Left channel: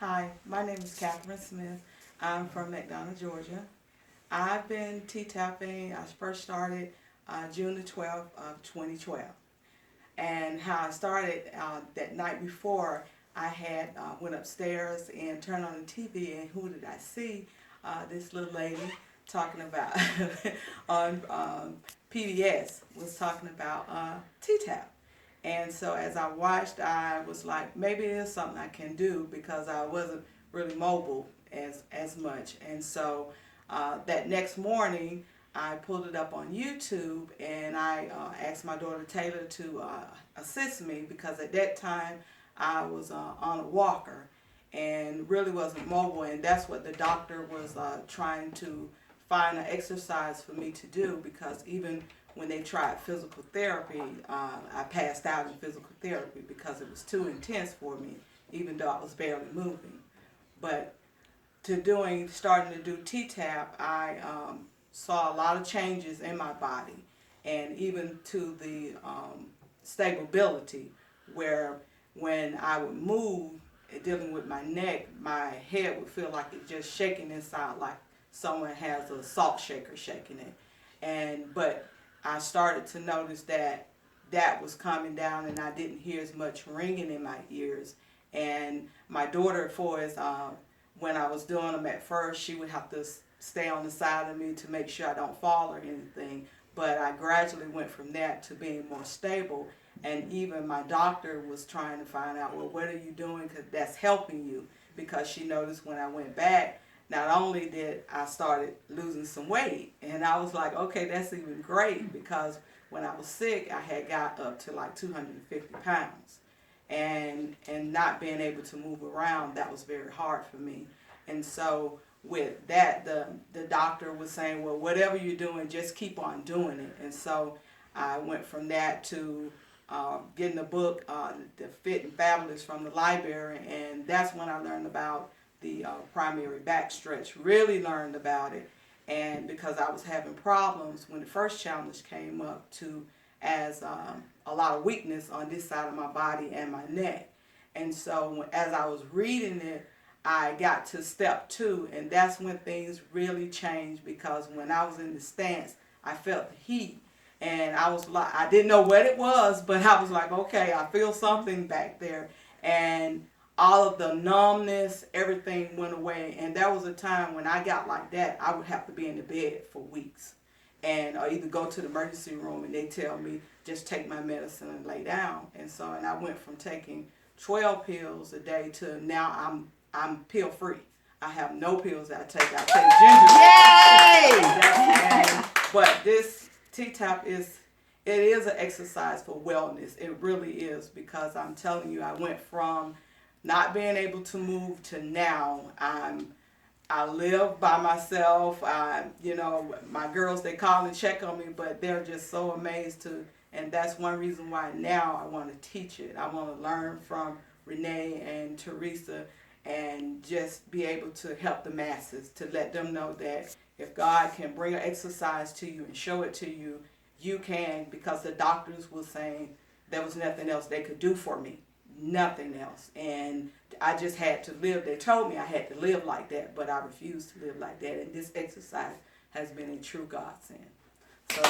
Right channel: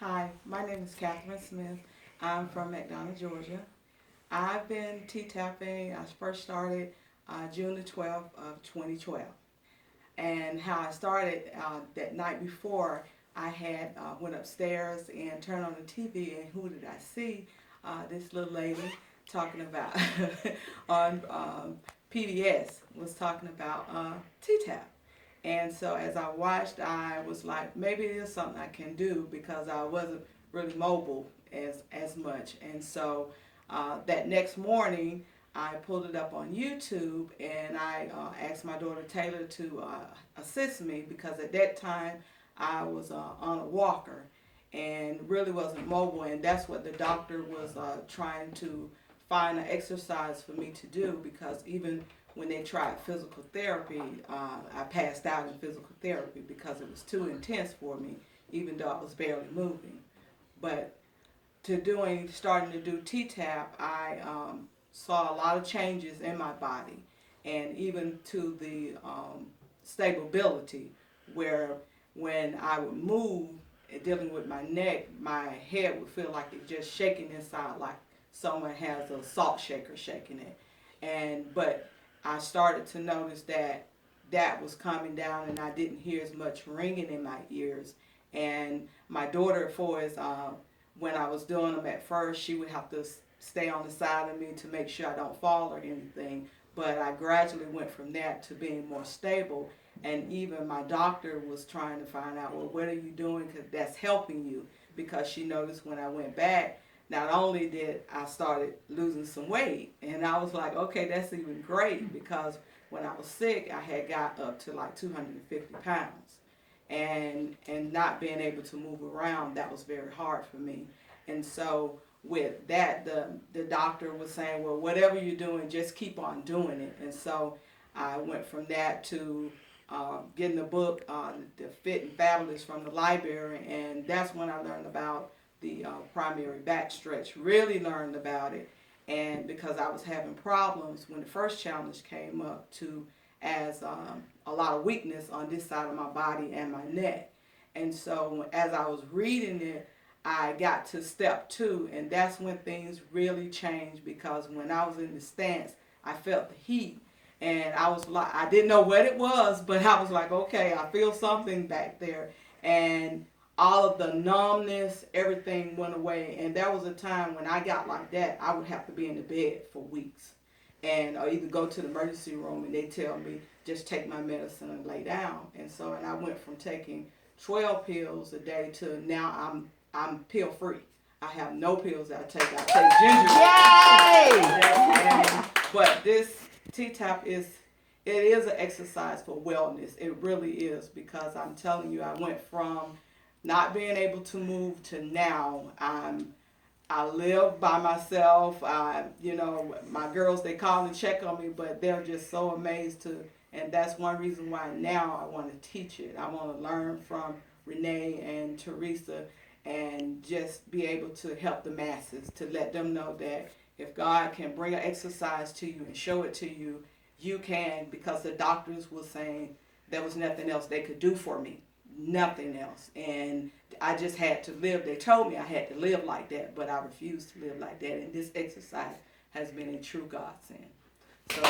Hi, my name is Catherine Smith. I'm from McDonough, Georgia. I've been T-tapping. I first started June the 12th of 2012. And how I started that night before, I had went upstairs and turned on the TV, and who did I see? This little lady talking about on PBS was talking about T-tap. And so as I watched, I was like, maybe it is something I can do because I wasn't really mobile as much. And so that next morning, I pulled it up on YouTube, and I asked my daughter Taylor to assist me because at that time I was on a walker and really wasn't mobile, and that's what the doctor was trying to find an exercise for me to do, because even when they tried physical therapy, I passed out in physical therapy because it was too intense for me, even though I was barely moving. But starting to do T-Tap, I saw a lot of changes in my body, and even to the stability, where when I would move, dealing with my neck, my head would feel like it just shaking inside, like someone has a salt shaker shaking it. But I started to notice that was coming down, and I didn't hear as much ringing in my ears. And my daughter, when I was doing them at first, she would have to stay on the side of me to make sure I don't fall or anything. But I gradually went from that to being more stable. And even my doctor was trying to find out, well, what are you doing that's helping you? Because she noticed when I went back, not only did I started losing some weight, and I was like, okay, that's even great, because when I was sick, I had got up to like 250 pounds. And not being able to move around, that was very hard for me. And so with that, the doctor was saying, well, whatever you're doing, just keep on doing it. And so I went from that to getting the book, The Fit and Fabulous, from the library, and that's when I learned about the primary back stretch, really learned about it. And because I was having problems when the first challenge came up, as a lot of weakness on this side of my body and my neck. And so as I was reading it, I got to step 2, and that's when things really changed, because when I was in the stance, I felt the heat, and I was like, I didn't know what it was, but I was like, okay, I feel something back there. And all of the numbness, everything went away. And there was a time when I got like that, I would have to be in the bed for weeks, and or either go to the emergency room and they tell me just take my medicine and lay down. And I went from taking 12 pills a day to now I'm pill free. I have no pills that I take. I take ginger. Yay! But this T-Tap is an exercise for wellness. It really is, because I'm telling you, I went from not being able to move to now I live by myself. My girls, they call and check on me, but they're just so amazed and that's one reason why now I want to teach it. I want to learn from Renee and Teresa and just be able to help the masses, to let them know that if God can bring an exercise to you and show it to you, you can, because the doctors were saying there was nothing else they could do for me. Nothing else. And I just had to live. They told me I had to live like that, but I refused to live like that. And this exercise has been a true godsend. So